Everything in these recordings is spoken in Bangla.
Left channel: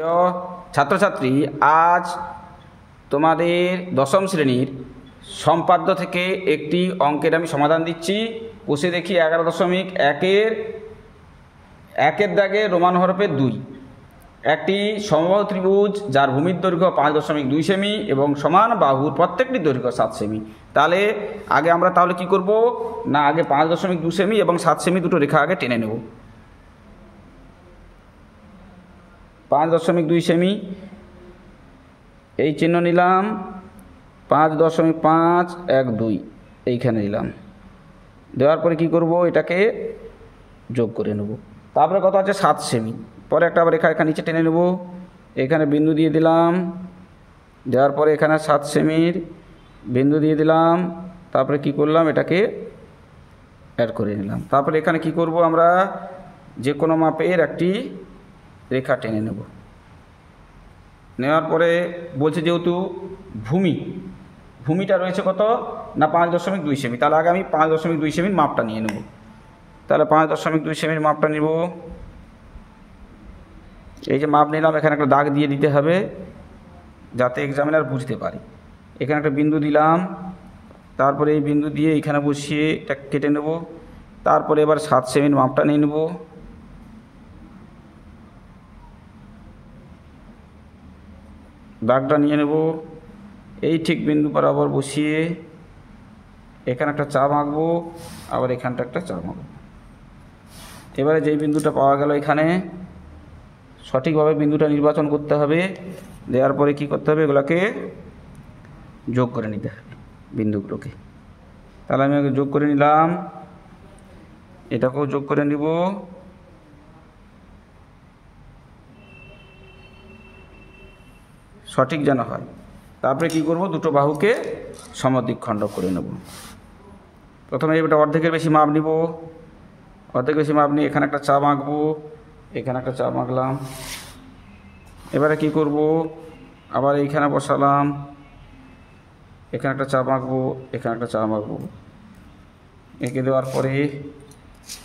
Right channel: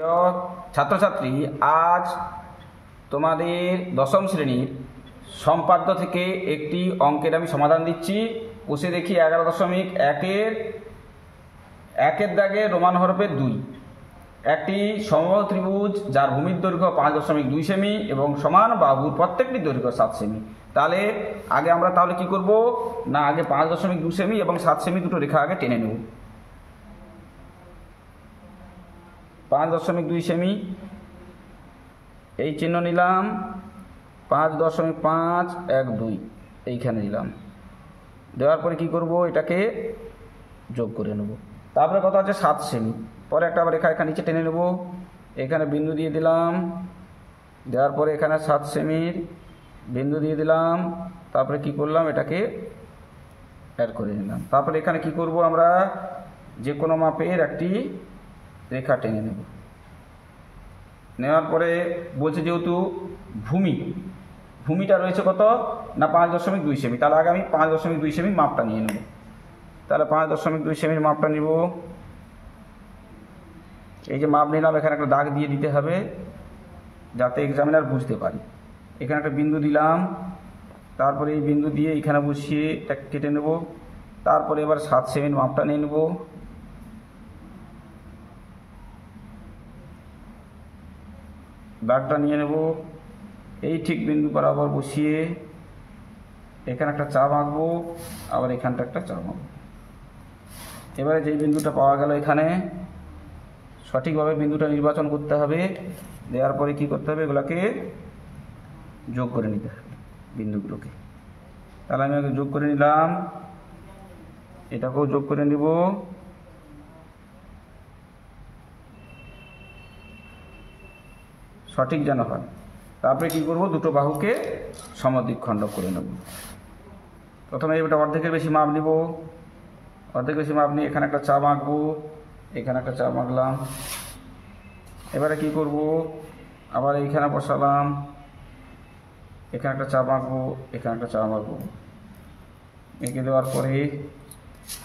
প্রিয় ছাত্রছাত্রী, আজ তোমাদের দশম শ্রেণীর সম্পাদ্য থেকে একটি অঙ্কের আমি সমাধান দিচ্ছি। বসে দেখি 11.1-এর দাগে রোমান হরফে 2 একটি সমবাহু ত্রিভুজ যার ভূমির দৈর্ঘ্য 5.2 সেমি এবং সমান বাহুর প্রত্যেকটি দৈর্ঘ্য 7 সেমি। তাহলে আমরা কি করব না, আগে 5.2 সেমি এবং 7 সেমি দুটো রেখা আগে টেনে নেব। 5.2 সেমি এই চিহ্ন নিলাম, 5.512 এইখানে নিলাম। দেওয়ার পরে কি করব, এটাকে যোগ করে নেব। তারপরে কত আছে 7 সেমি। পরে একটা আবার রেখা এখানে নিচে টেনে নেব, এখানে বিন্দু দিয়ে দিলাম। দেওয়ার পরে এখানে 7 সেমির বিন্দু দিয়ে দিলাম। তারপরে কি করলাম, এটাকে অ্যাড করে নিলাম। তারপরে এখানে কি করব, আমরা যে কোনো মাপের একটি রেখা টেনে নেব। নেওয়ার পরে বলছে যেহেতু ভূমিটা রয়েছে কত না 5.2 সেমি, তাহলে আগে আমি 5.2 সেমির মাপটা নিয়ে নেব। তাহলে 5.2 সেমির মাপটা নিব। এই যে মাপ নিলাম, এখানে একটা দাগ দিয়ে দিতে হবে যাতে এক্সামিনার বুঝতে পারে। এখানে একটা বিন্দু দিলাম, তারপরে এই বিন্দু দিয়ে এখানে বসিয়ে এটা কেটে নেব। তারপরে এবার 7 সেমির মাপটা নিয়ে নেব। দাগটা নিয়ে নেব, এই ঠিক বিন্দু বরাবর বসিয়ে এখানে একটা চাপ আঁকবো, আবার এখানটা একটা চাপ আঁকবো। এবারে যেই বিন্দুটা পাওয়া গেল, এখানে সঠিকভাবে বিন্দুটা নির্বাচন করতে হবে। দেওয়ার পরে কি করতে হবে, এগুলোকে যোগ করে নিতে হবে বিন্দুগুলোকে। তাহলে আমি আগে যোগ করে নিলাম, এটাকেও যোগ করে নিব। সঠিক যেন হয়। তারপরে কি করব, দুটো বাহুকে সমদ্বিখণ্ড করে নেব। প্রথমে এটা অর্ধেকের বেশি মাপ নিব। অর্ধেক বেশি মাপ নিয়ে এখানে একটা চাপ আঁকবো, এখানে একটা চাপ আঁকলাম। এবারে কি করব, আবার এইখানে বসালাম, এখানে একটা চাপ আঁকবো, এখানে একটা চাপ আঁকবো। এঁকে দেওয়ার পরে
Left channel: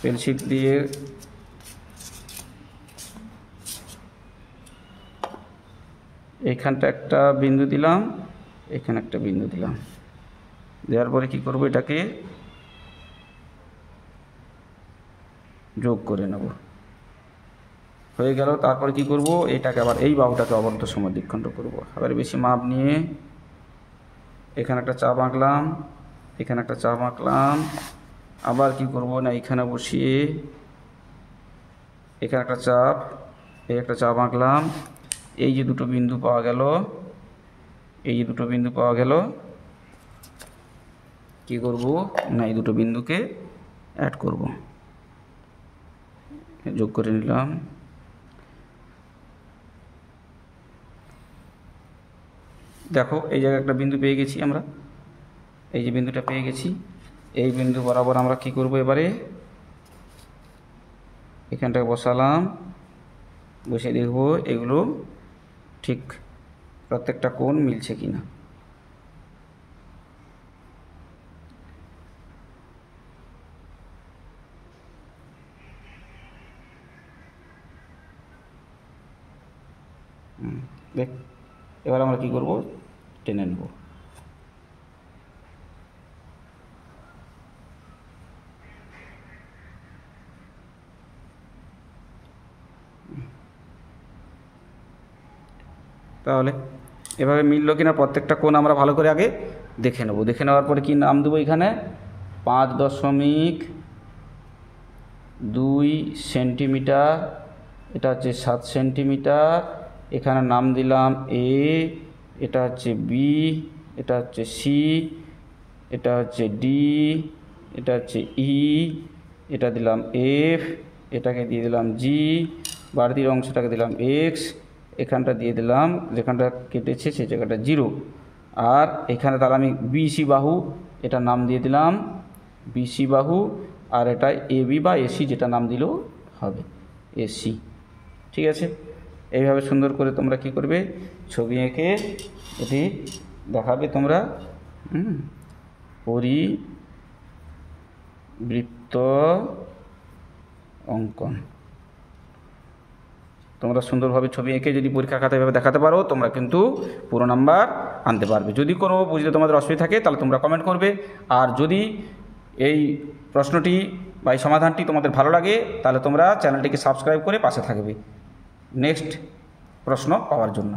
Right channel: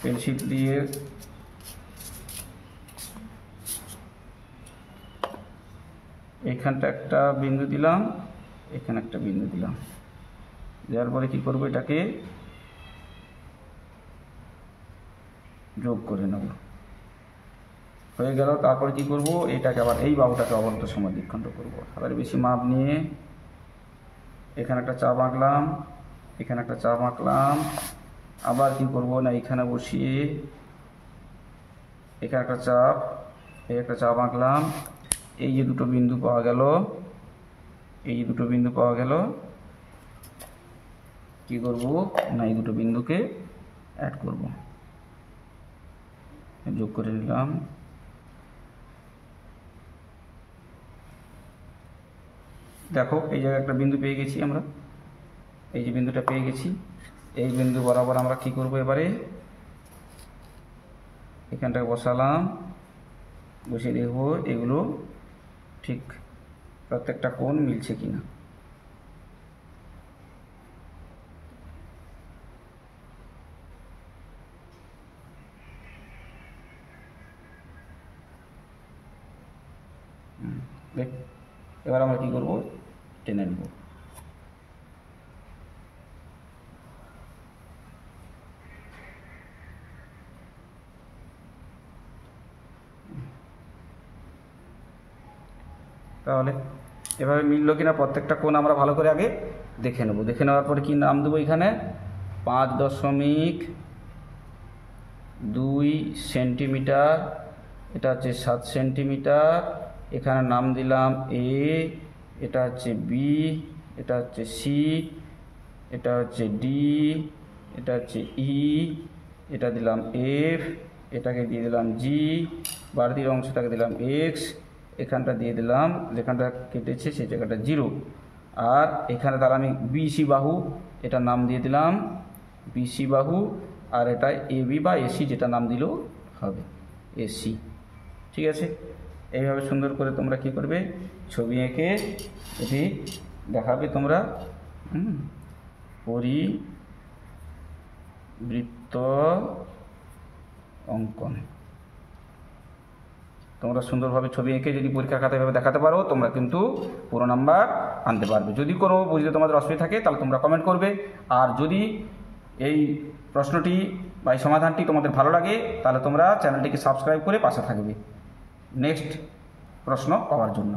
পেন্সিল দিয়ে এইখানটা একটা বিন্দু দিলাম, এখানে একটা বিন্দু দিলাম। দেওয়ার পরে কি করব, এটাকে যোগ করে নেব। হয়ে গেল। তারপরে কি করব, এটাকে আবার এই বাহুটাকে অবন্ত সমদ্বিখণ্ড করব। আবার বেশি মাপ নিয়ে এখানে একটা চাপ আঁকলাম, এখানে একটা চাপ আঁকলাম। আবার কি করব না, এখানে বসিয়ে এখানে একটা চাপ, এই একটা চাপ আঁকলাম। এই যে দুটো বিন্দু পাওয়া গেল, কি করব না, এই দুটো বিন্দুকে অ্যাড করব। যোগ করে নিলাম। দেখো এই জায়গায় একটা বিন্দু পেয়ে গেছি আমরা, এই যে বিন্দুটা পেয়ে গেছি। এই বিন্দু বরাবর আমরা কি করব, এবারে এখানটাকে বসালাম, বসে দেখব এগুলো ঠিক প্রত্যেকটা কোণ মিলছে কিনা। দেখ, এবার আমরা কি করব, টেনে নেব। তাহলে এভাবে মিললো কিনা প্রত্যেকটা কোণ আমরা ভালো করে আগে দেখে নেব। দেখে নেওয়ার পরে কি নাম দেবো, এখানে 5.2 সেন্টিমিটার, এটা হচ্ছে 7 সেন্টিমিটার। এখানে নাম দিলাম এ, এটা হচ্ছে বি, এটা হচ্ছে সি, এটা হচ্ছে ডি, এটা হচ্ছে ই, এটা দিলাম এফ, এটাকে দিয়ে দিলাম জি, বাড়তির অংশটাকে দিলাম এক্স, এখানটা দিয়ে দিলাম, যেখানটা কেটেছে সেই জায়গাটা 0। আর এখানে তাহলে আমি বিসি বাহু, এটা নাম দিয়ে দিলাম বিসি বাহু। আর এটা এবি বা এসি, যেটা নাম দিলেও হবে, এসি। ঠিক আছে, এইভাবে সুন্দর করে তোমরা কি করবে, ছবি এঁকে এটি দেখাবে তোমরা। পরিবৃত্ত অঙ্কন। তোমরা সুন্দরভাবে ছবি এঁকে যদি পরীক্ষা খাতায় এভাবে দেখাতে পারো, তোমরা কিন্তু পুরো নাম্বার আনতে পারবে। যদি কোনো বুঝতে তোমাদের অসুবিধা থাকে তাহলে তোমরা কমেন্ট করবে। আর যদি এই প্রশ্নটি বা এই সমাধানটি তোমাদের ভালো লাগে তাহলে তোমরা চ্যানেলটিকে সাবস্ক্রাইব করে পাশে থাকবে নেক্সট প্রশ্ন পাওয়ার জন্য।